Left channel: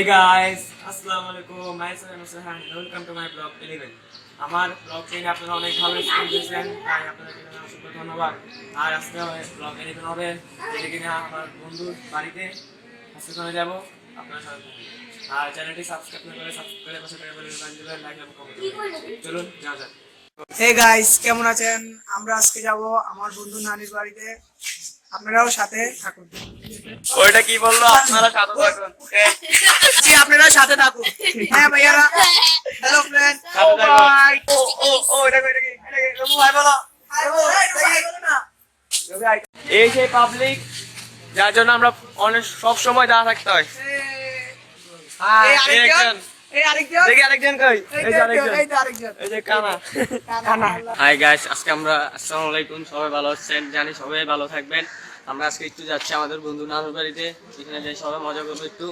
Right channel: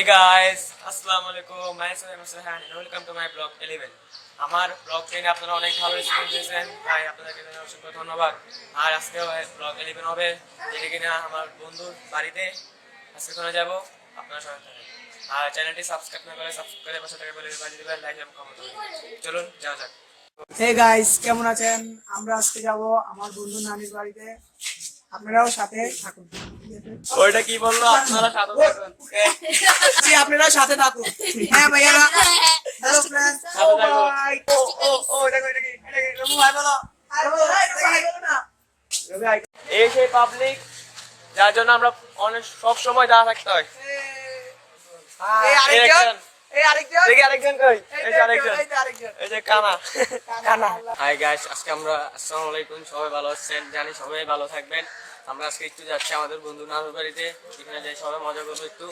Hey guys, Assalamualaikum. Myself RAIHAN and welcome to my vlog 11. আমার blog টেনে আপনারা অনেক ভালো রেসপন্স দিয়েছেন, তাই আপনাদেরকে অসংখ্য ধন্যবাদ। আর আজকে ব্লগ 11 হবে, যেটা কিনা আমার বন্ধুর বাড়িতে আজকে চলে যাব। আপনারা সবাই থাকুন আর চ্যানেলটি সাবস্ক্রাইব না করে সাবস্ক্রাইব করে পাশে থাকা বেল আইকন দিবেন, লাইক এবং কমেন্ট করবেন। চলুন যাওয়া যাক। হে গাইস, কেমন আছেন? আমরা আজকে যাব আমার বন্ধু নানির বাড়িতে, আপনারাও সাথে থাকুন। ওইটা কি বললো? আপনারা সাথে থাকুন। জি, আপনারা সাথে থাকুন। হ্যাঁ ভাইয়ারা, হ্যালো ফ্রেন্ড। ও ভাই, ও এটা কি? ভাই বলো, হাই বলো, না এই সেই পাবলিক যার জন্য আমরা অনেক সব সময় দাঁড়া থাকতে হয়। আরেকজন কই? এই যে আরেকজন, এই যে কানা। হাই গাইস, আজকে আমরা আসসালামু আলাইকুম, সবাই ভালো আছেন? জানি সবাই ভালো থাকবেন। আমরা আজকে একটু যাচ্ছি আমাদের বন্ধু নানুর বাড়িতে, এখানে যাই সবাই মজা করবো, একটু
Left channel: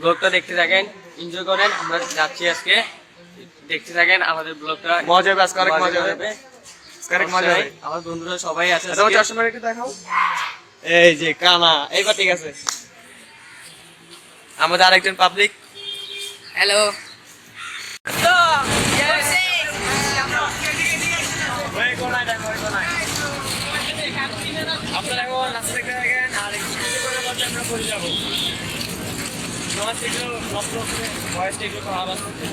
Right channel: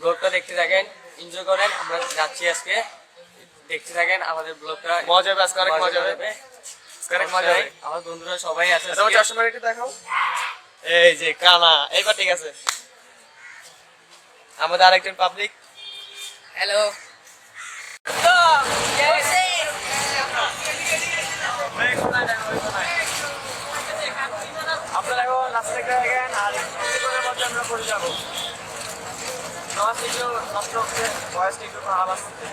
ব্লগটা দেখতে থাকেন, এনজয় করেন। আমরা যাচ্ছি আজকে, দেখতে থাকেন আমাদের ব্লগটা, মজা হবে আজকে, অনেক মজা হবে, অনেক মজা হবে। আমার বন্ধুরা সবাই আছে। তোমার চশমা একটু দেখাও। এই যে কানা, এইবার ঠিক আছে। আমাদের আরেকজন পাবলিক, হ্যালো। আপনারা এখন নাচতে থাকেন আর একটু করে মধ্যে আমরা করে যাবো। তোমার একটু নষ্ট হচ্ছে, ভয়েসটা একটু খারাপ আসছে।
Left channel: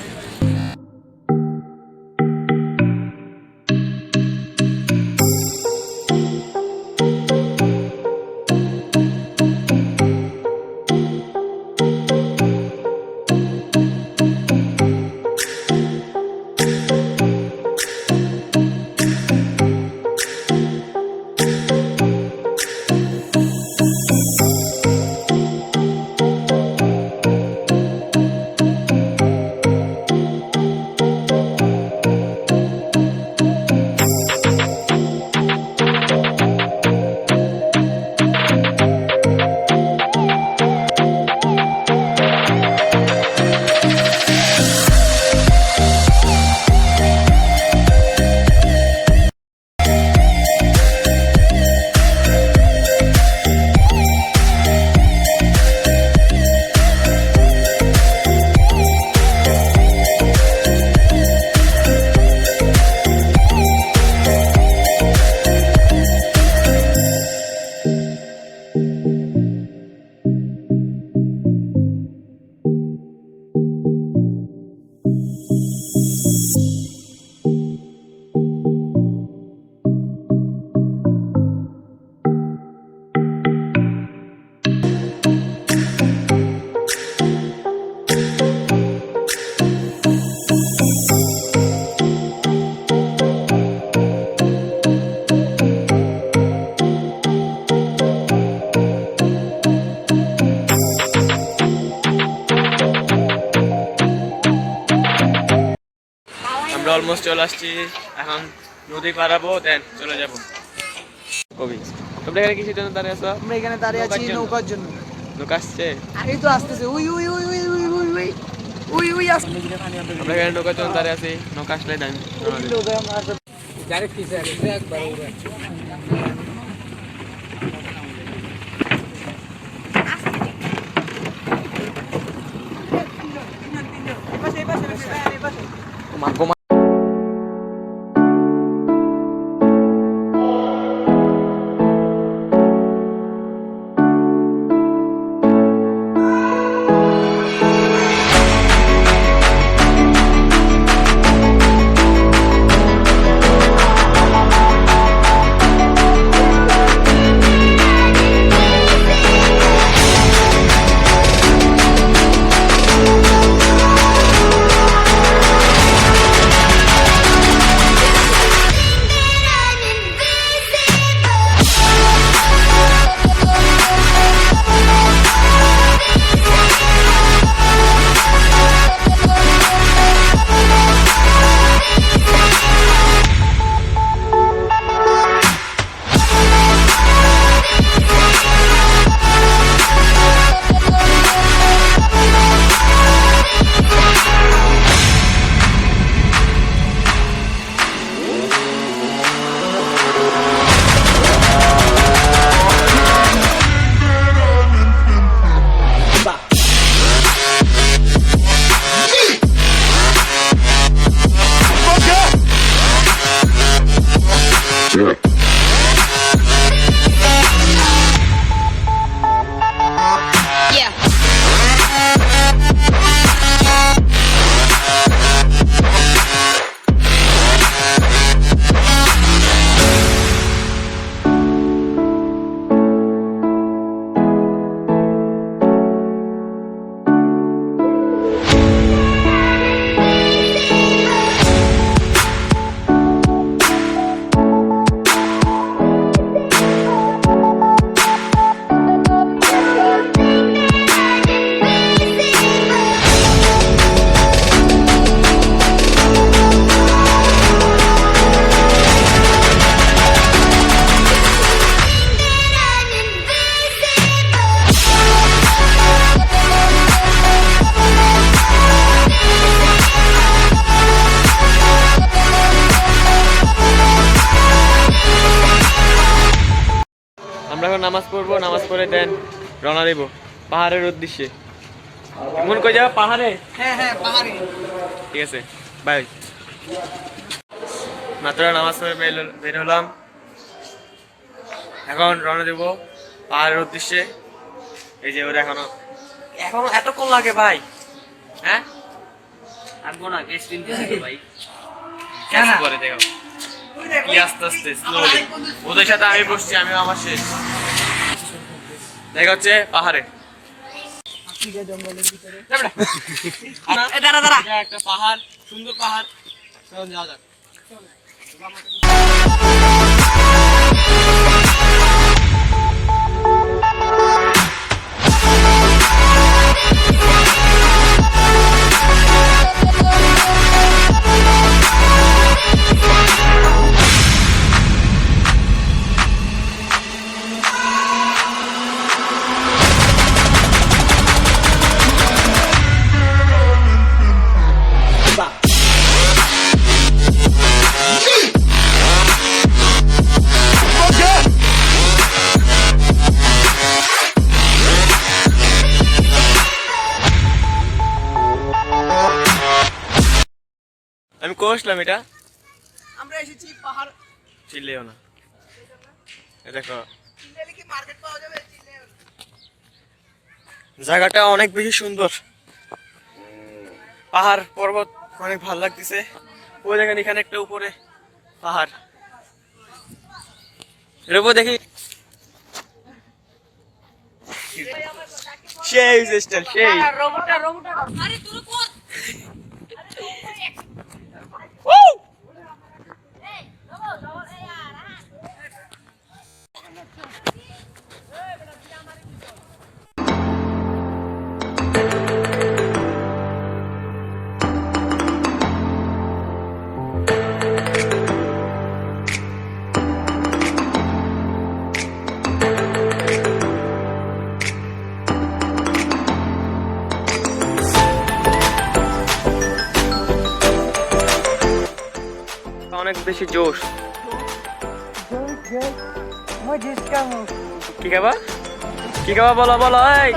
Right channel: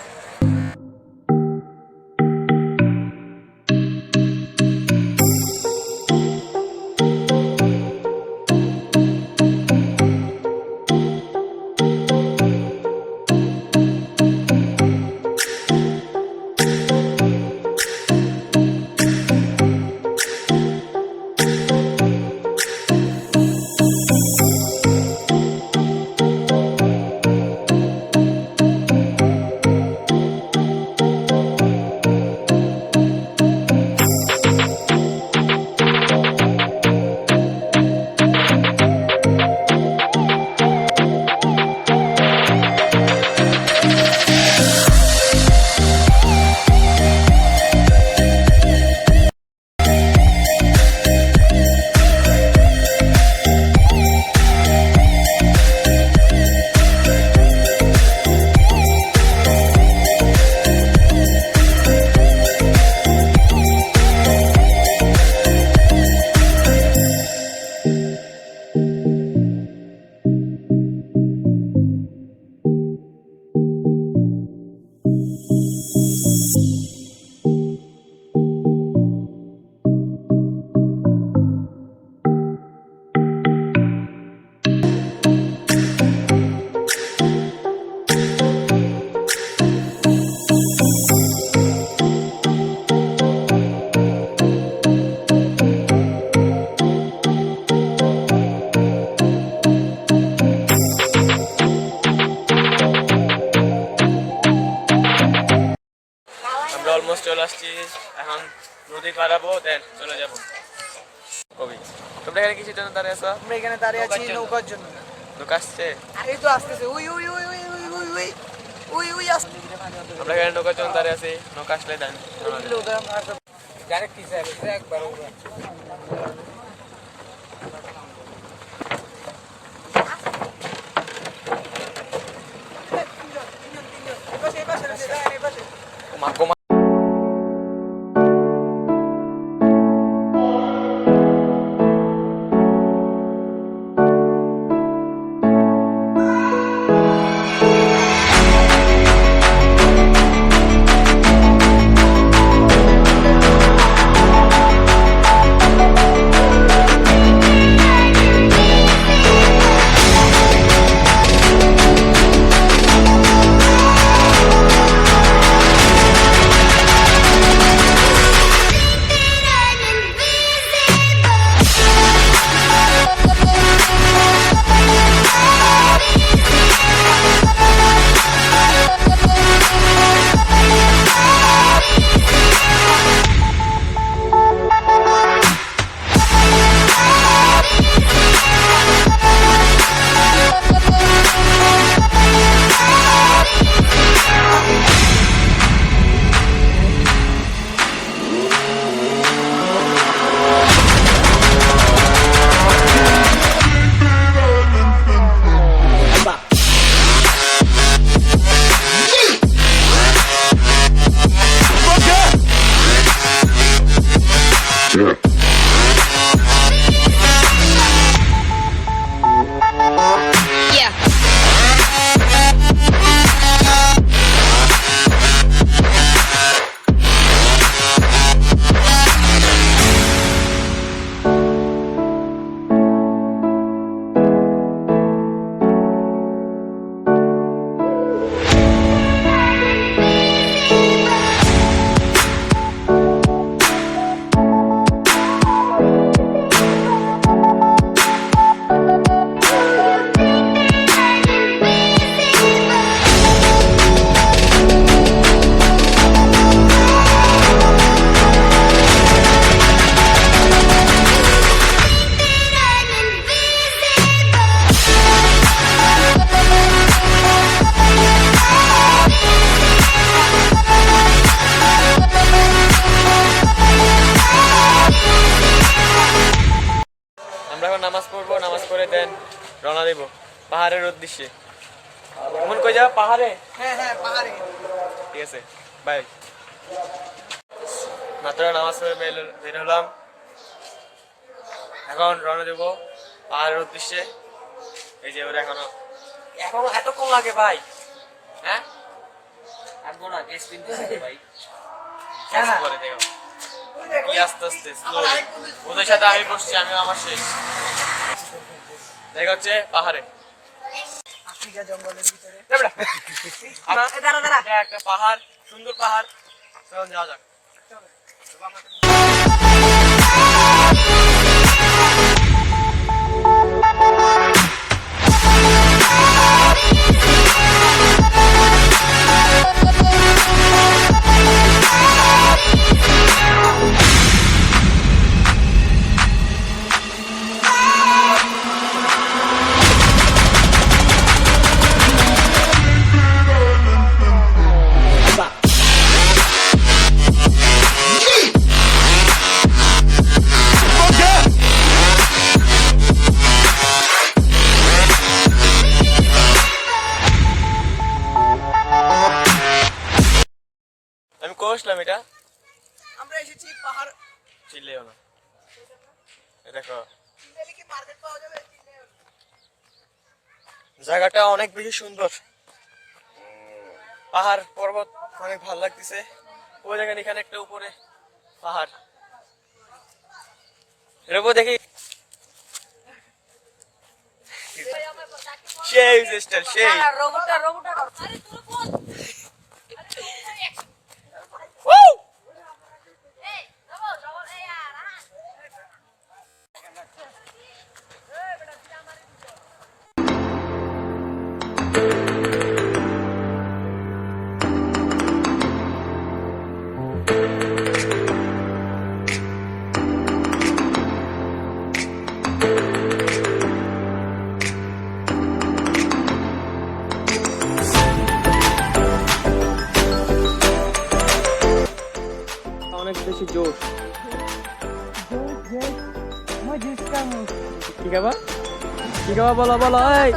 আমরা অলমোস্ট চলে আসছি, এখন নদী পারাবো, দেন চলে যাবো। কবি, তোমরা এখানে কিসের জন্য দাঁড়িয়ে আছো? আমরা এখানে দাঁড়িয়ে আছি নৌকার জন্য। নৌকা আসছে? আরে তো আসতেছে, we we we we we we we we we আসছে। আমরা এখানে নৌকার জন্য দাঁড়িয়ে আছি, নৌকা আসলে দেন ডাইরেক্ট পিছে আছে একবার। আমরা এখন নামাজ পড়বো, নামাজ পড়ে দেন রওনা দেব পাহাড়ের উদ্দেশ্যে। মন কই যাবে পাহাড়ে? হ্যাঁ হ্যাঁ পাহাড়ে। ঠিক আছে, বাই। মাত্র নামাজ পড়ে বের হলাম, এখন রওনা দেব পাহাড়ের উদ্দেশ্যে। এই যে ওরা এখনো এতক্ষণ লাগে ভাই? হ্যাঁ আসবো না, বেশ দিন ভাই। কেন করে দেখো কি আস্তে আস্তে স্লোলি। ওদের সাথে আমি বসছি, আমিও আমার শেষ। দেখা হচ্ছে পাহাড়ে, আফ্রিকা জঙ্গলের ভিতরে। এটা একটা পাহাড়, সুন্দর পাহাড়। চল যাওয়া যাক। আমি কষলাম এটা, আমরা এসেছি পাহাড়। চিল্লেও না, দেখো চিল্লালে কি মার্কেট পাওয়া যাবে? জায়গাটা অনেক বেশি সুন্দর, পাহাড় পর্বত অনেক ভালো লাগতেছে। ওই দেখেন এখানে একটা উপরে পাহাড়, এর উপর দেখি সেই সিস্টার সেই। অনেক বেশি জোশ। কি খাবা? কি খাবা বলো বলো। এই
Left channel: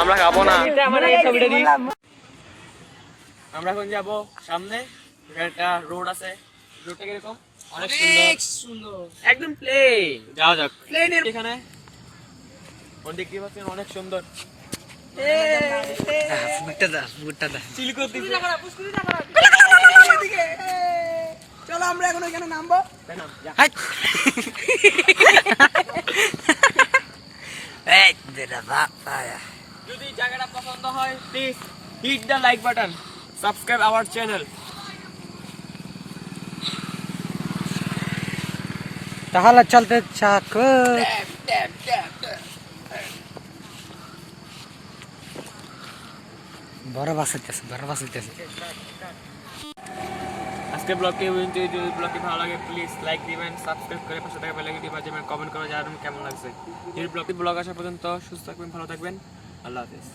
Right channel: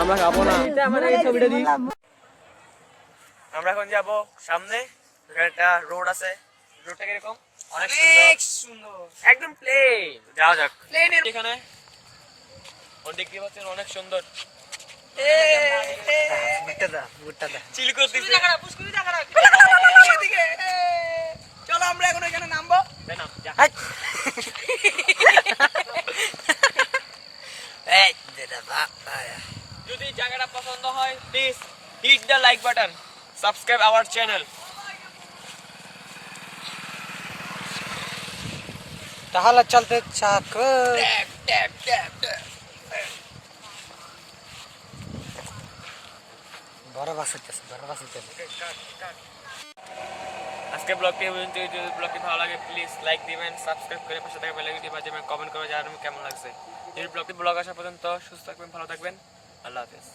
আমরা খাবো না, আমরা এখন যাবো সামনে, এখানে একটা রোড আছে। রোডটা কিরকম? অনেক সুন্দর, একদম প্লেন। যাওয়া যাক এখানে। ওদিকে কি পাচ্ছেন, অনেক সুন্দর। চলো আমরা এখন এখানে নামবো। যদি জায়গাটা পছন্দ হয় please hit the like button, subscribe our channel. তাহলে চলতে চাক। বড় বাস হইতেছে, বড় বাস হইতেছে। আজকে ব্লগটি যদি ব্লগটি ভালো লাগে প্লিজ লাইক দিবেন, সাবস্ক্রাইব করে পাশে থাকা বেল আইকনটি বাজিয়ে কমেন্ট করে জানাবেন কেমন লাগছে। এই ব্লগ আসা পর্যন্ত সুস্থ থাকবেন, ভালো থাকবেন, আল্লাহ হাফেজ।